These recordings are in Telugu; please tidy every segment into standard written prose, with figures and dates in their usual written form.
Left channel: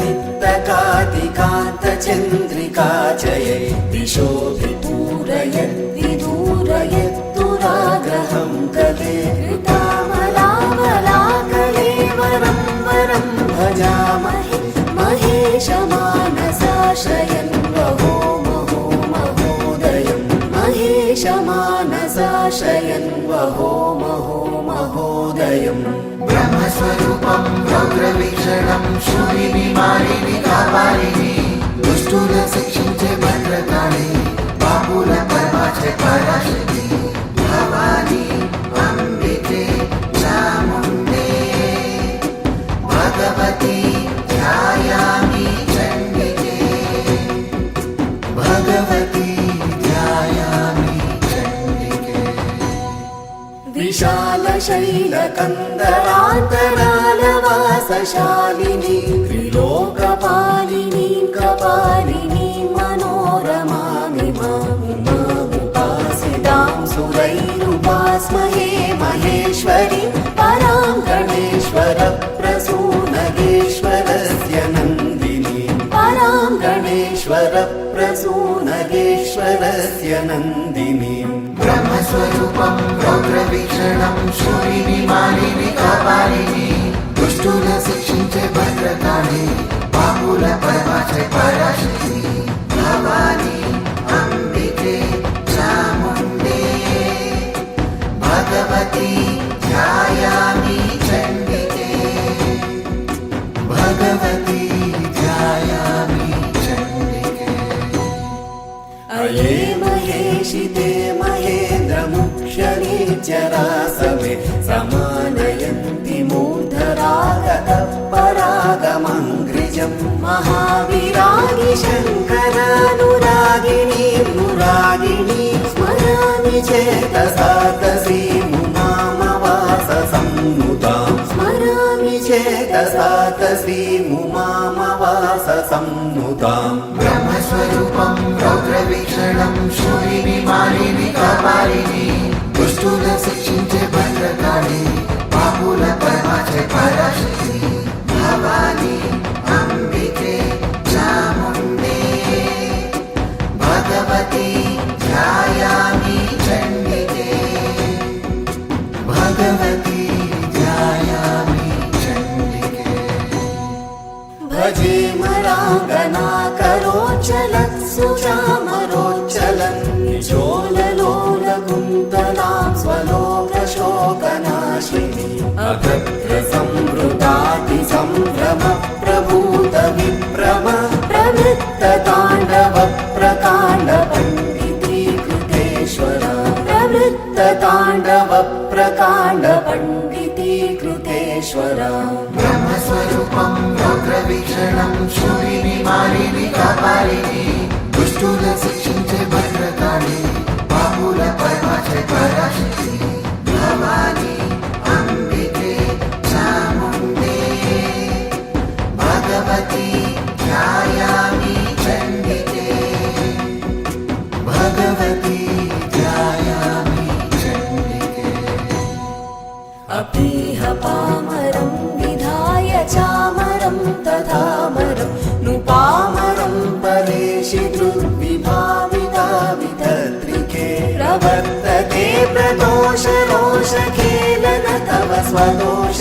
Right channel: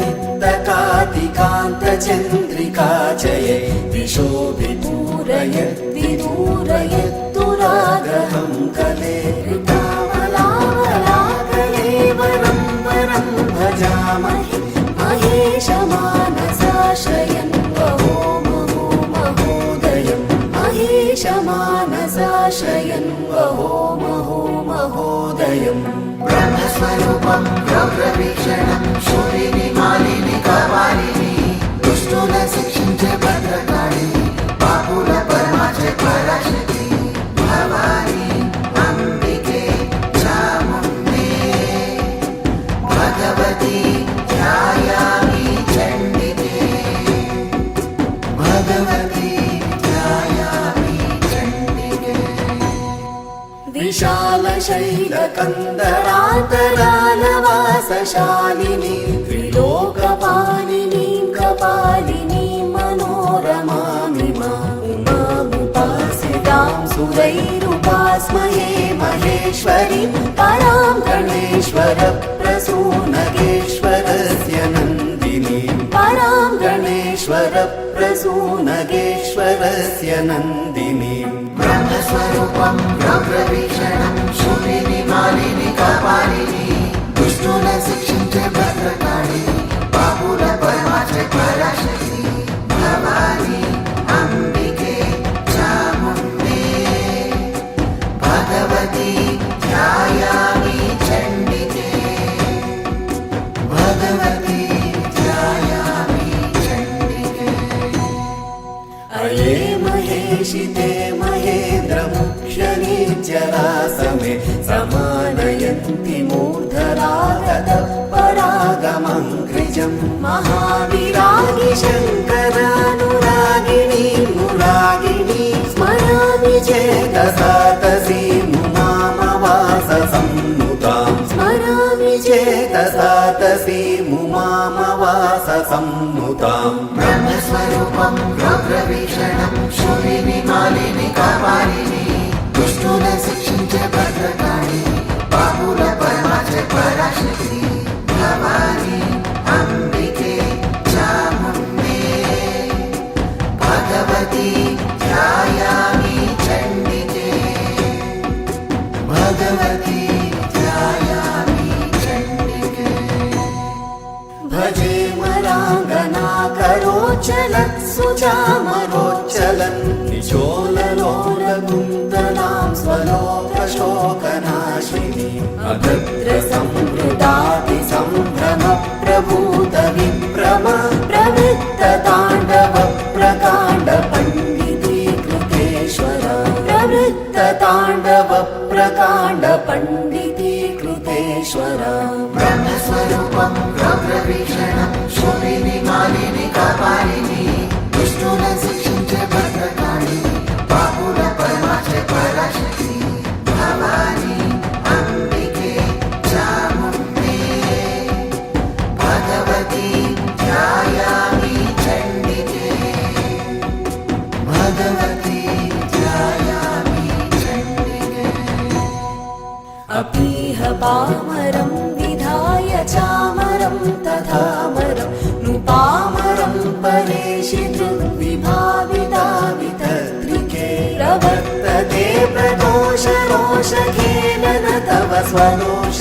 नित्यकातिकान्तचन्द्रिका जये दिशोऽभिपूरयद् दूरयत्तुराग्रहं कले ऋतामलावलाकलेवरं वरं भजामहे महेशमानसाश्रयन् वहो महो महोदयं महेशमानसाश्रयन् वहो महो महोदयम् ब्रह्मस्वरूपं रौद्रवीक्षणं शूलिनी कापालिनी दुष्टुल शिक्षिंचे भद्रकाली पापुल परमाचे पराशक्ति भवानी अंबिके चामुण्डे भगवती ध्यायामि चण्डिके भगवती ध्यायामि चण्डिके विशालशैलकन्दरान्तरालवासशालिनी त्रिलोकपालिनी कपालिनी मनोरमामिमामुपासितां सुरैरुपास्महे महेश्वरीं परां गणेश्वरप्रसूनगेश्वरस्य नन्दिनीं परां गणेश्वरप्रसूनगेश्वरस्य नन्दिनीं ब्रह्मस्वरूपं रौद्रवीक्षणं शूलिनी कापालिनी दुष्टुल शिक्षिंचे भद्रकाली पापुल परमाचे पराशक्ति भवानी अंबिके चामुण्डे भगवती ध्यायामि चण्डिके भगवती ध्यायामि चण्डिके अये महेशिते महेन्द्रमुख्यनीचरासमे समानयन्ति मूर्धरागतपरागमङ्घ्रिजं महाविरागि शङ्करानुरागिणीं मुरागिणी स्मरामि चेतसा तसीमुमामवाससंनुतां स्मरामि चेतसा तसीमुमामवाससंनुतां ब्रह्मस्वरूपं रौद्रवीक्षणं शूलिनी कापालिनी दुष्टुल शिक्षिंचे भद्रकाली पापुल परमाचे पराशक्ति भवानी अंबिके चामुण्डे भगवती ध्यायामि चण्डिके भगवती ध्यायामि चण्डिके भजे मराङ्गनाकरोच्चलत्सुचामरोच्चलन् निचोललोलकुन्तलां स्वलोकशोकनाशिनी अभद्रसम्भृतातिसम्भ्रमप्रभूतविभ्रम प्रवृत्तताण्डवप्रकाण्डपण्डितीकृतेश्वरा प्रवृत्तताण्डवप्रकाण्डपण्डितीकृतेश्वरा ब्रह्मस्वरूपं रौद्रवीक्षणं शूलिनी कापालिनी दुष्टुल शिक्षिंचे भद्रकाली पापुल परमाचे पराशक्ति भवानी अंबिके चामुण्डे भगवती ध्यायामि चण्डिके भगवती ध्यायामि चण्डिके अपीह पामरं विधाय चामरं तथामरं नुपामरं परेशि दृग्विभाविता वितत्रिके प्रवर्तते प्रदोषरोषखेलन तव स्वदोष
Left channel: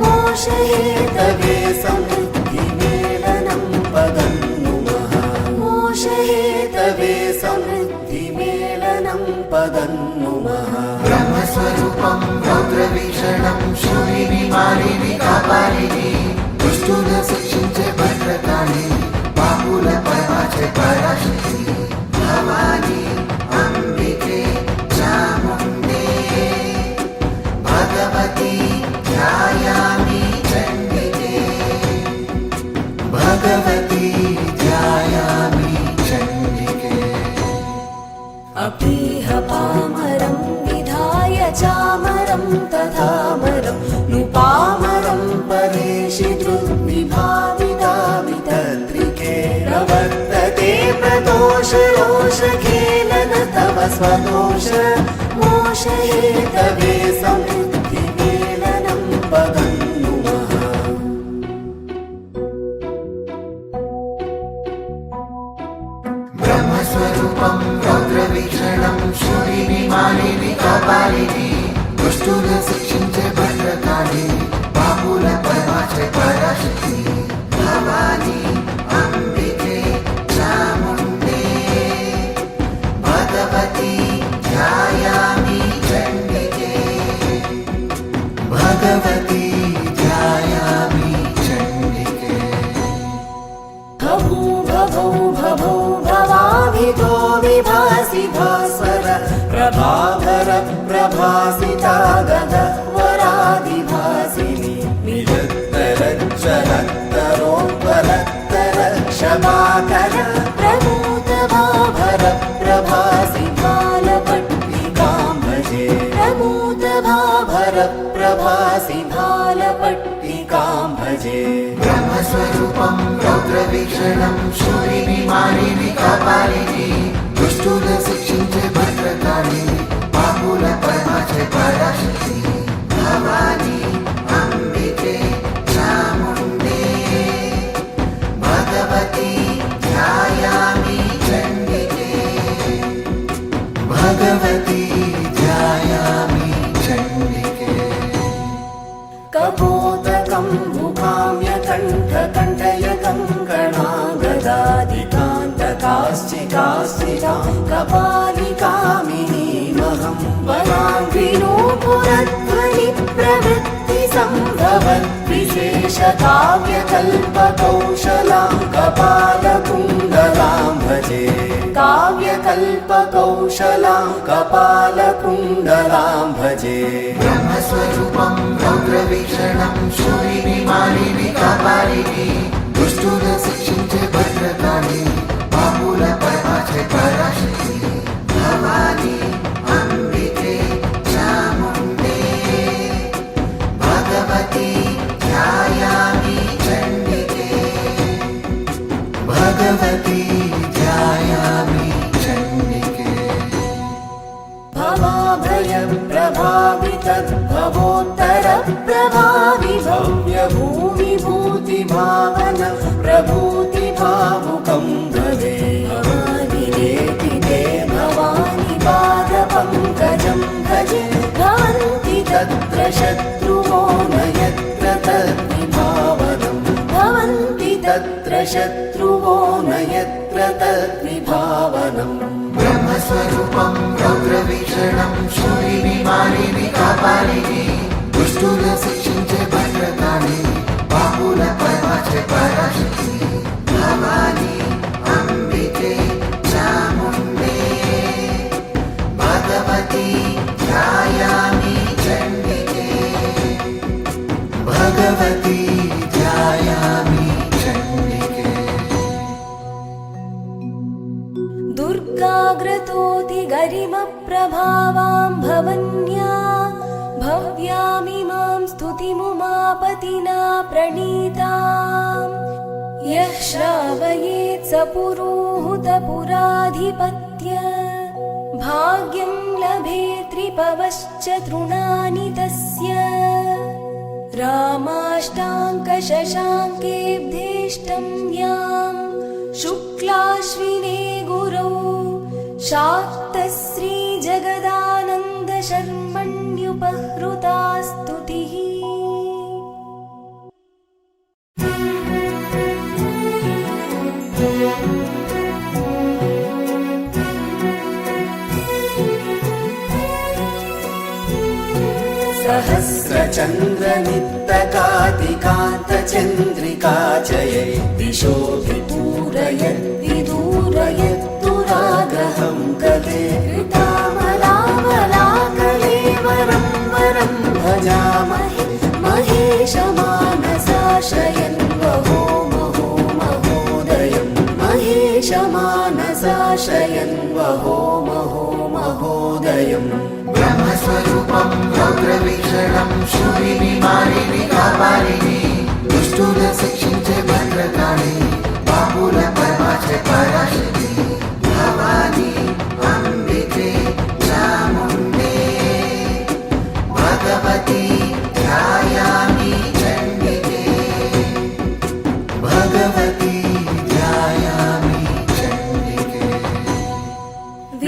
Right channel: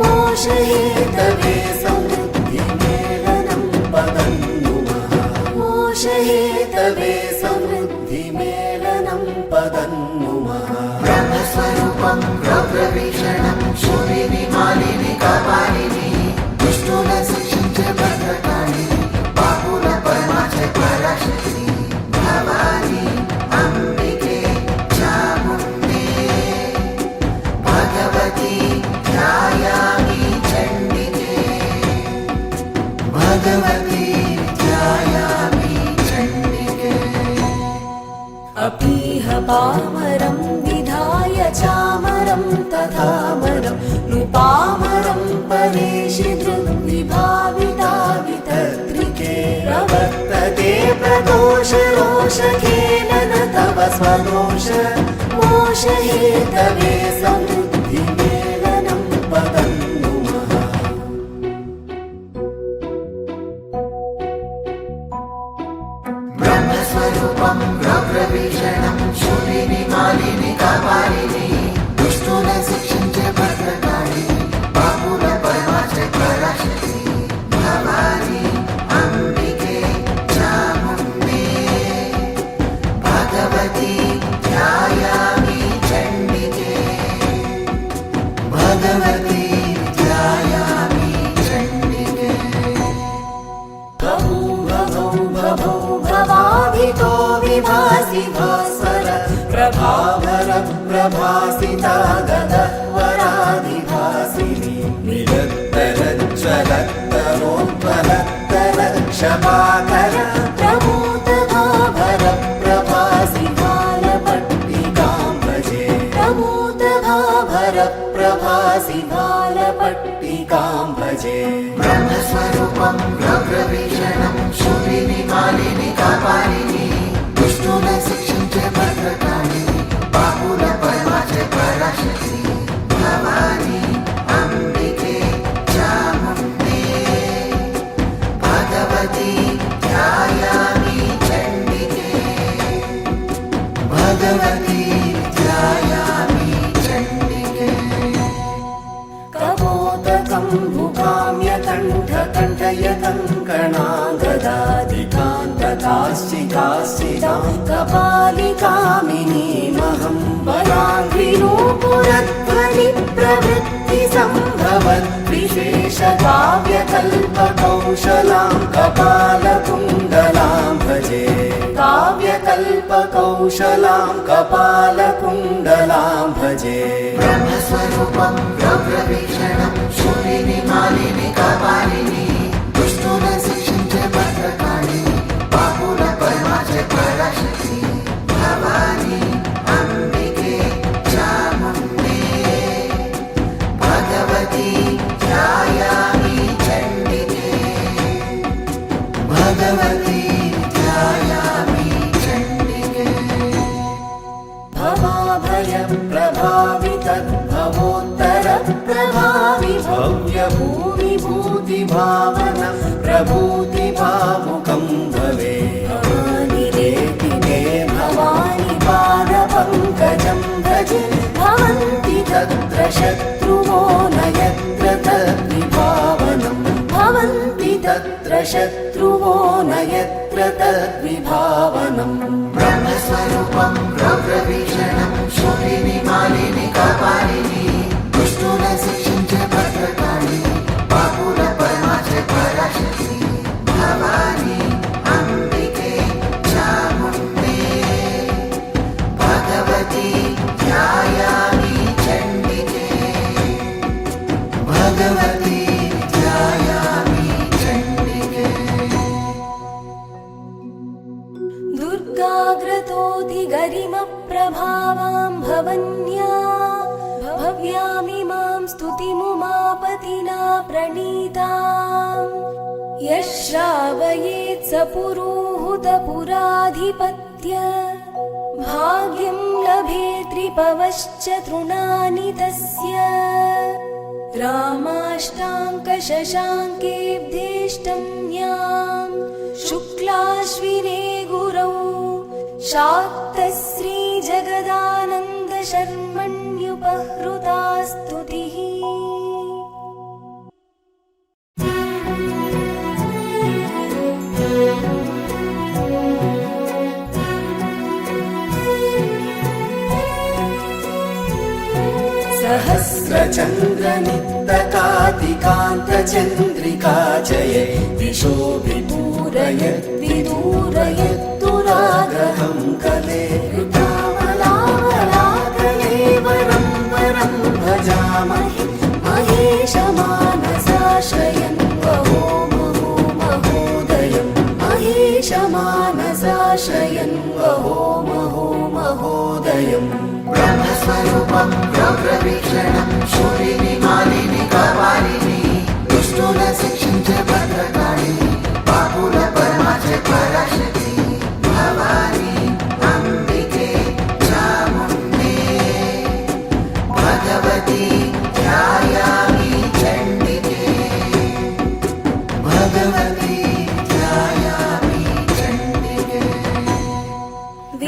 मोषहेतवे समृद्धिमेलनं पदं नुमः मोषहेतवे समृद्धिमेलनं पदं नुमः ब्रह्मस्वरूपं रौद्रवीक्षणं शूलिनी कापालिनी दुष्टुल शिक्षिंचे भद्रकाली पापुल परमाचे पराशक्ति भवानी अंबिके चामुण्डे भगवती ध्यायामि चण्डिके भगवती ध्यायामि चण्डिके अपीह पामरं विधाय चामरं तथामरं नुपामरं परेशि दृग्विभाविता वितत्रिके प्रवर्तते प्रदोषरोषखेलन तव स्वदोष मोषहेतवे समृद्धिमेलनं पदं नुमः బ్రహ్మస్వరూపం రౌద్రవీక్షణం శూలిని మాలిని కాపాలిని దుష్టుల శిక్షించే భద్రకాళి పాపుల పరమాచే పరాశక్తి భవాని అంబికే చాముండే భగవతి ధ్యాయామి చండికే భగవతి ధ్యాయామి చండికే భభూ భభౌ భభౌ భవాభితో విభాసి భాస్వర ప్రభావర ప్రభాసితా గదవరాదిభాసిని నిరత్తరజ్వలత్తరోత్పలత్తర క్షమాకర ప్రమోదభాభర ప్రభాసి భాలపట్టికాం భజే ప్రమోదభాభర ప్రభాసి భాలపట్టికాం భజే బ్రహ్మస్వరూపం రౌద్రవీక్షణం శూలిని మాలిని కాపాలిని దుష్టుల శిక్షించే భద్రకాళి పాపుల పరమాచే పరాశక్తి భవాని అంబికే చాముండే భగవతి ధ్యాయామి చండికే భగవతి ధ్యాయామి చండికే కపోతకం ముఖామ్య కంఠ కంఠయ కంకణాగదాదికాంతకాశ్చికాశ్చితాం కపాలికామినీమహం బలాంఘ్రినూపురధ్వని ప్రవృత్తి సంభవత్ విశేష కావ్యకల్పకౌశలాం కపాలకుండలాం భజే కావ్యకల్పకౌశలాం కపాలకుండలాం భజే బ్రహ్మస్వరూపం రౌద్రవీక్షణం శూలిని మాలిని కాపాలిని దుష్టుల శిక్షించే భద్రకాళి పాపుల పరమాచే పరాశక్తి భవాని అంబికే చాముండే భగవతి ధ్యాయామి చండికే భగవతి ధ్యాయామి చండికే భవాభయ ప్రభావితద్భవోత్తర ప్రభావి భవ్య భూమి భూతి భావన ప్రభూతి భావుకం భవే భవాని దేతి తే భవాని పాద పంకజం భజే భవంతి తత్ర శత్రువో న యత్ర తద్విభావనం భవంతి తత్ర శత్రువో న యత్ర తద్విభావనం బ్రహ్మస్వరూపం రౌద్రవీక్షణం శూలిని మాలిని కాపాలిని దుష్టుల శిక్షించే భద్రకాళి పాపుల పరమాచే పరాశక్తి భవాని అంబికే చాముండే భగవతి ధ్యాయామి చండికే భగవతి ధ్యాయామి చండికే దుర్గాగ్రతోతి గరిమ ప్రభావాం భవన్యా భవ్యామిమాం స్తుతిముమాపతినా ప్రణీతాం యః శ్రావయేత్ స పురోహుత పురాధిపత్య భాగ్యం లభేత్రిపవశ్చ తృణాని తస్య रामाष्टाङ्कशशाङ्केऽब्धेष्टं यां शुक्लाश्विने गुरौ शाक्तश्रीजगदानन्दशर्मण्युपहृता स्तुतिः। सहस्रचन्द्रनित्तकातिकान्तचन्द्रिका जये दिशोऽभिपूरयद्विदूरयत्तुराग्रहं कले ऋतामलामलाकले वरं वरं भजामहे महेशमानसाशयन् वहो महो महोदयं महेशमानसाशयन् वहो महो महोदयम् ब्रह्मस्वरूपं रौद्रवीक्षणं शूलिनि मालिनि कापालिनि दुष्टुल शिक्षिंचे भद्रकाळि पापुल परमाचे पराशक्ति भवानी अंबिके चामुण्डे भगवती ध्यायामि चण्डिके भगवती ध्यायामि चण्डिके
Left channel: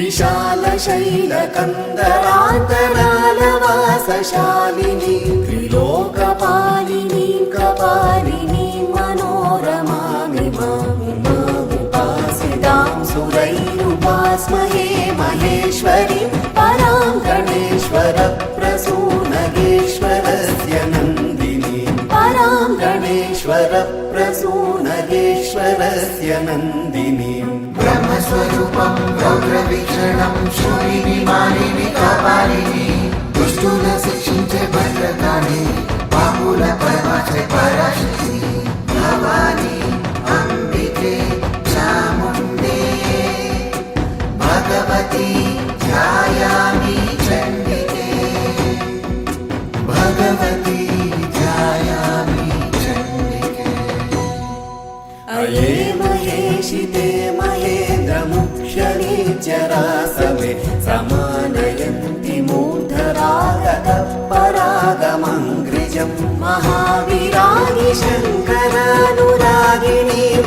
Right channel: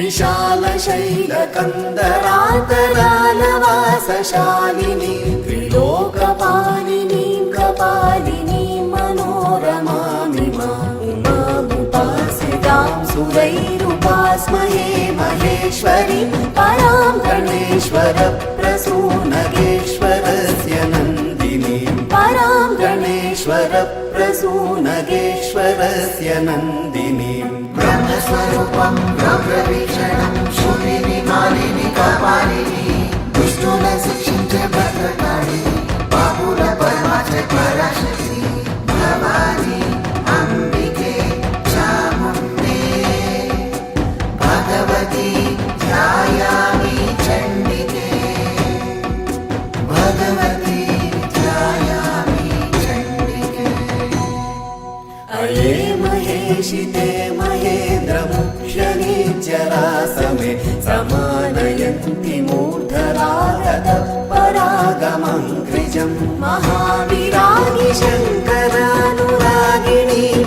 विशालशैलकन्दरान्तरालवासशालिनी त्रिलोकपालिनीं कपालिनीं मनोरमामिमामुपासितां सुरैरुपास्महे महेश्वरीं परां गणेश्वरप्रसूनगेश्वरस्य नन्दिनीं परां गणेश्वरप्रसूनगेश्वरस्य नन्दिनीं ब्रह्मस्वरूपं रौद्रवीक्षणं शूलिनी मालिनी कपालिनी दुष्टुల శిక్షించే భద్రకాళి పాపుల పరమాచే పరాశక్తి భవాని అంబికే చాముండే భగవతి ధ్యాయామి చండికే భగవతి ధ్యాయామి చండికే अये महेशिते महेन्द्रमुख्यनीचरासमे समानयन्ति मूर्धरागतः परागमङ्घ्रिजं महाविरागि शङ्करानुरागिणीं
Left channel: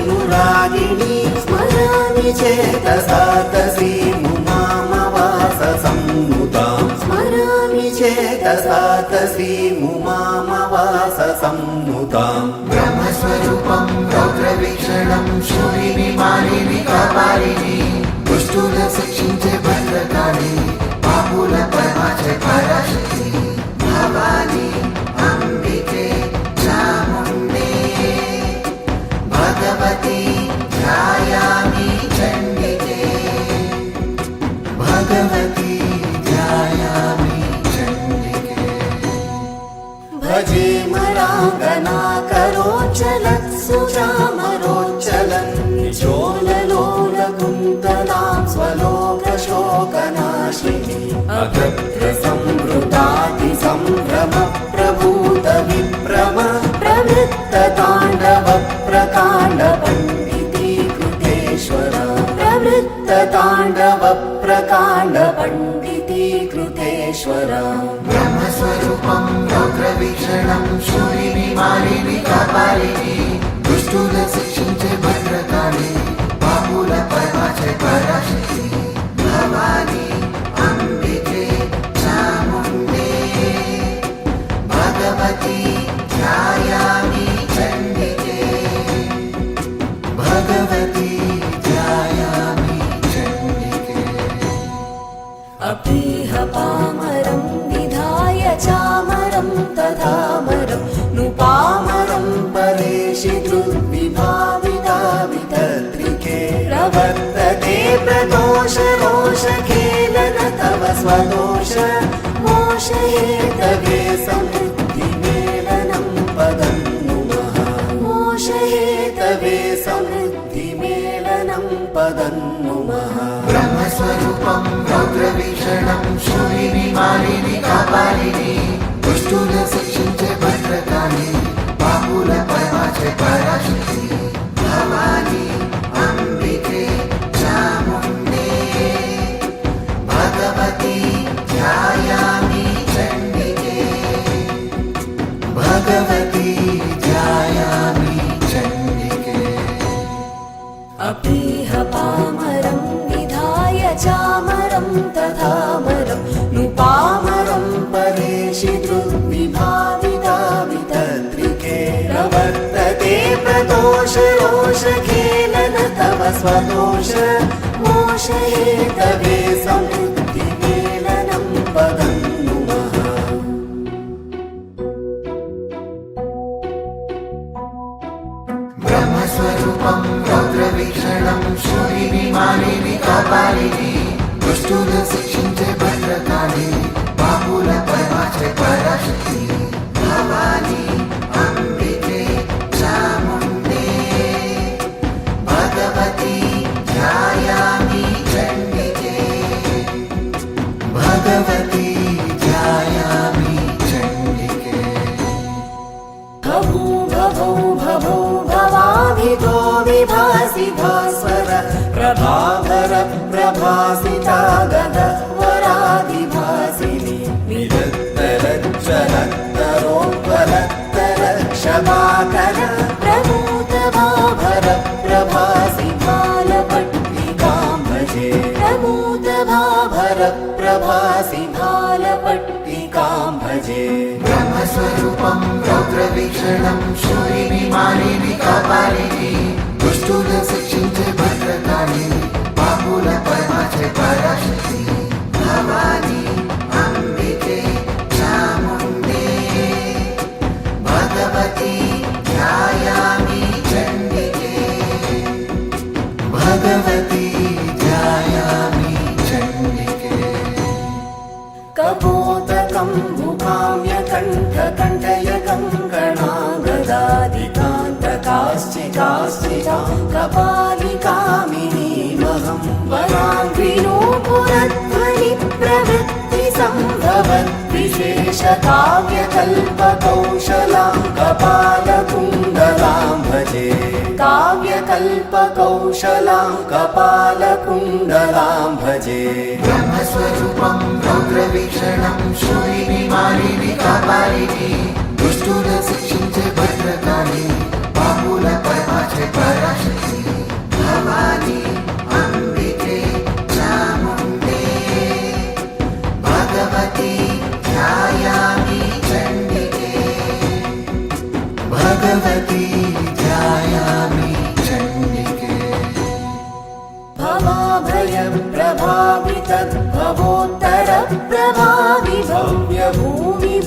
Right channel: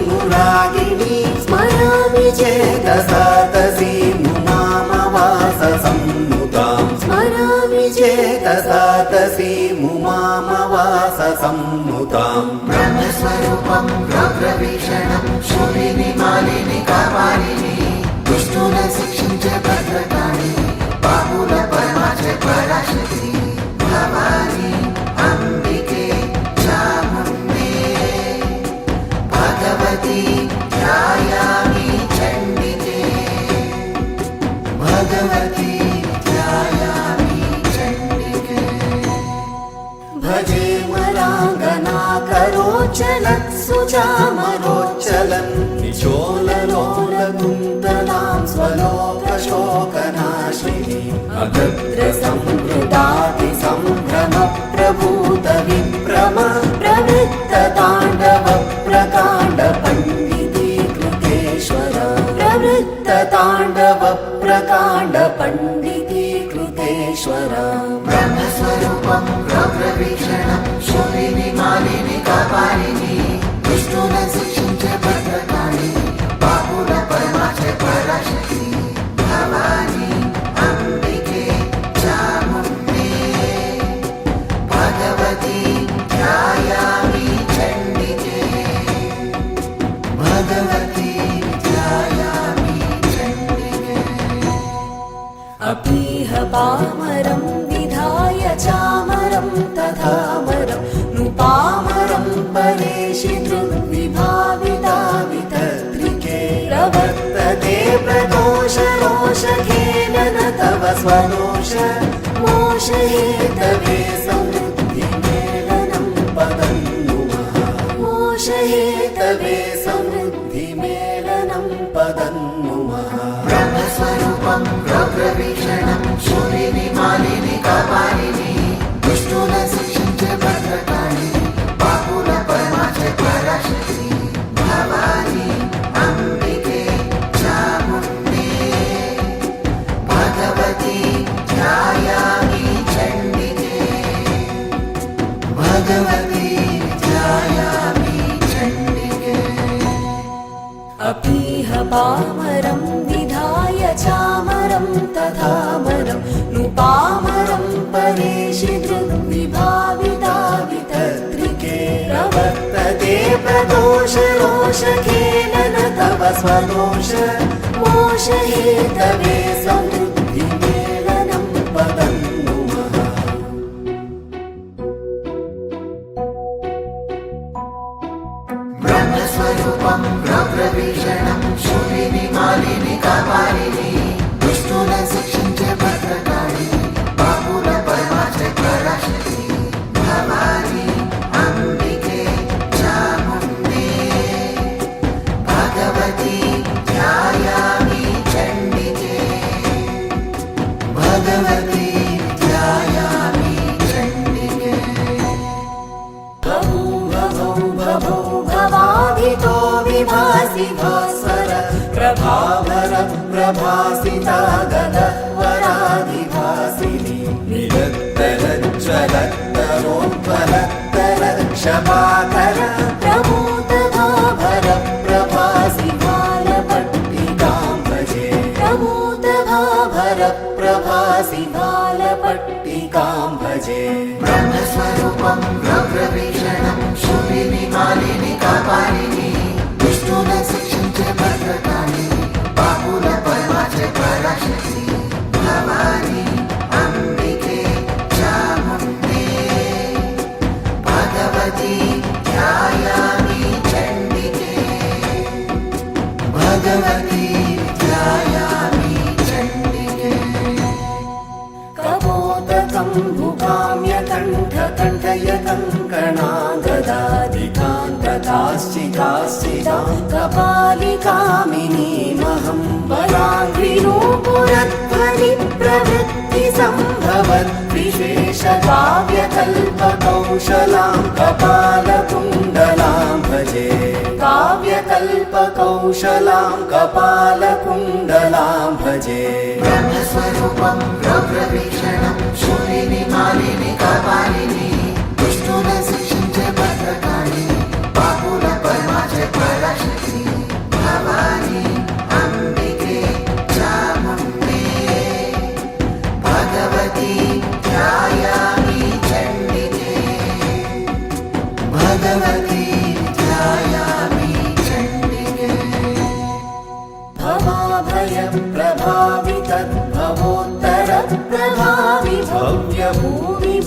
नुरागिणी स्मरामि चेतसा तसीमुमामवाससंनुतां स्मरामि चेतसा तसीमुमामवाससंनुताम् బ్రహ్మస్వరూపం రౌద్రవీక్షణం శూలిని మాలిని కపాలిని దుష్టుల శిక్షించే భద్రకాళి పాపుల పరమాచే పరాశక్తి భవాని అంబికే చాముండే భగవతి ధ్యాయామి చండికే భగవతి ధ్యాయామి చండికే भजे मराङ्गनाकरोच्चलत्सु चामरोच्चलन् निचोललोलकुन्तलां स्वलोकशोकनाशिनी अगत्रसंवृतातिसम्भ्रमप्रभूतविभ्रम प्रवृत्तताण्डवप्रकाण्डपण्डितीकृतेश्वर प्रवृत्तताण्डवप्रकाण्डपण्डितीकृतेश्वर బ్రహ్మస్వరూపం రౌద్రవీక్షణం శూలిని మాలిని కపాలిని దుష్టుల శిక్షించే భద్రకాళి పాపుల పరమాచే పరాశక్తి భవాని అంబికే చాముండే భగవతి ధ్యాయామి చండికే భగవతి ధ్యాయామి చండికే अपीह पामरं विधाय चामरं तथामरं नुपामरं परेशि धृद्विभाविता वितत्रिके प्रवर्तते प्रदोषरोषखेलन तव स्वदोष मोषहेतवे समृद्धिमेलनं पदन्नुमः मोषहेतवे समृद्धिमेलनं पदन्नुमः బ్రహ్మస్వరూపం రౌద్రవీక్షణం శూలిని మాలిని కపాలిని దుష్టుల శిక్షించే భద్రకాళి పాపుల పరమాచే పరాశక్తి భవాని అంబికే చాముండే భగవతి ధ్యాయామి చండికే భగవతి ధ్యాయామి చండికే अपीह पामरं विधाय चामरं तथामरं नुपामरं परेशि धृद्विभाविता वितत्रिके प्रवर्तते प्रदोषरोषखेलन तव स्वदोष मोषहेतवे समृद्धिमेलनं पदन्नुमः బ్రహ్మస్వరూపం రౌద్రవీక్షణం శూలిని మాలిని కపాలిని దుష్టుల శిక్షించే భద్రకాళి పాపుల పరమాచే పరాశక్తి భవాని అంబికే చాముండే భగవతి ధ్యాయామి చండికే భగవతి ధ్యాయామి చండికే भभो भवाभितो विभासि भास्वर प्रभावर प्रभासिता गदवराधिभासिनी विदत्तरज्ज्वलत्तरोत्पलत्तरक्षभाकर प्रभूतभाभर प्रभासि भालपट्टिकां भजे प्रभूतभा वरप्रभासि भालपट्टिकां भजे ब्रह्मस्वरूपं रौद्रवीक्षणं शूलिनि मालिनि कपालिनि दुष्टुन शिक्षिंचे भद्रकाళి पापुल परमाचे पराशक्ति भवानी अंबिके चामुण्डे भगवती ध्यायामि चण्डिके भगवती ध्यायामि चण्डिके कपोतकं मुखाम्यकण्ठकण्ठय कङ्कणागदादिकान्तकाश्चिकाश्चिकां कपालिकामिनीमहं वराङ्घ्रिनूपुरध्वनि प्रवृत्तिसम्भवत् विशेषकाव्यकल्पकौशलां कपालकुण्डलां भजे काव्यकल्पकौशलां कपालकुण्डलां भजे ब्रह्मस्वरूपं रौद्रवीक्षणं शूलिनि मालिनि कपालिनि दुष्टुन शिक्षिंचे भद्रकाళి पापुल परमाचे पराशक्ति भवानी अंबिके चामुण्डे भगवती ध्यायामि चण्डिके भगवती ध्यायामि चण्डिके भवाभयप्रभावि तद्भवोत्तरप्रभावि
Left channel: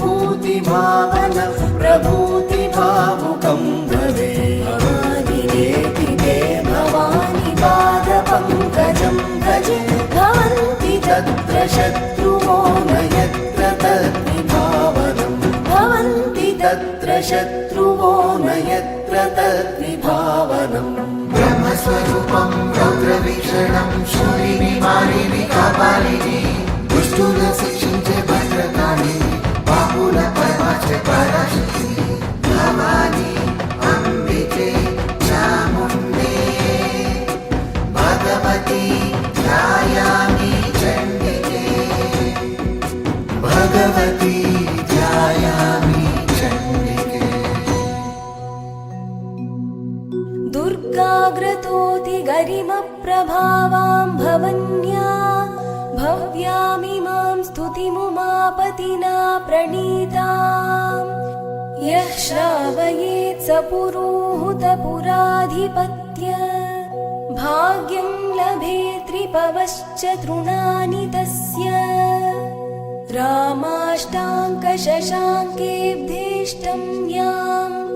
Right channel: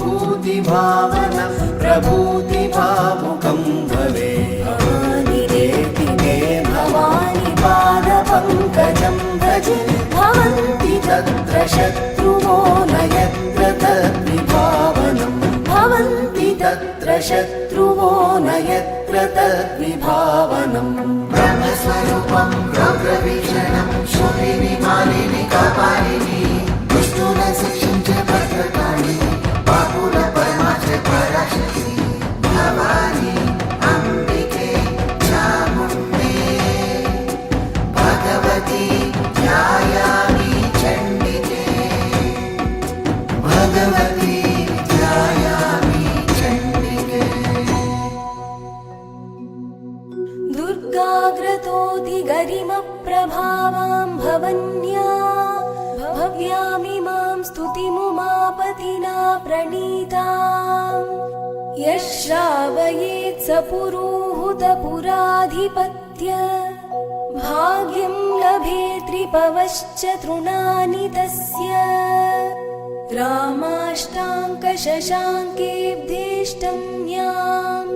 भव्यभूमिभूतिभावन प्रभूतिभावुकं भवे भवानिरेति ते भवानि पादपङ्कजं भजे भवन्ति तत्र शत्रुवो न यत्र तद्विभावनं भवन्ति तत्र शत्रुवो न यत्र तद्विभावनम् ब्रह्मस्वरूपं रौद्रवीक्षणं शूलिनि मालिनि कपालिनि दुष्टुन शिक्षिंचे भद्रकाళి पापुल परमाचे पराशक्ति भवानी अंबिके चामुण्डे भगवती ध्यायामि चण्डिके भगवती ध्यायामि चण्डिके दुर्गाग्रतोति गरिमप्रभावां भवन्या भव्यामिमां स्तुतिमुमापतिना प्रणीताम् यः श्रावयेत् स पुरोहुतपुराधिपत्य भाग्यं लभेत्रिपवश्च तृणानि तस्य रामाष्टाङ्कशशाङ्केऽब्धेष्टं याम्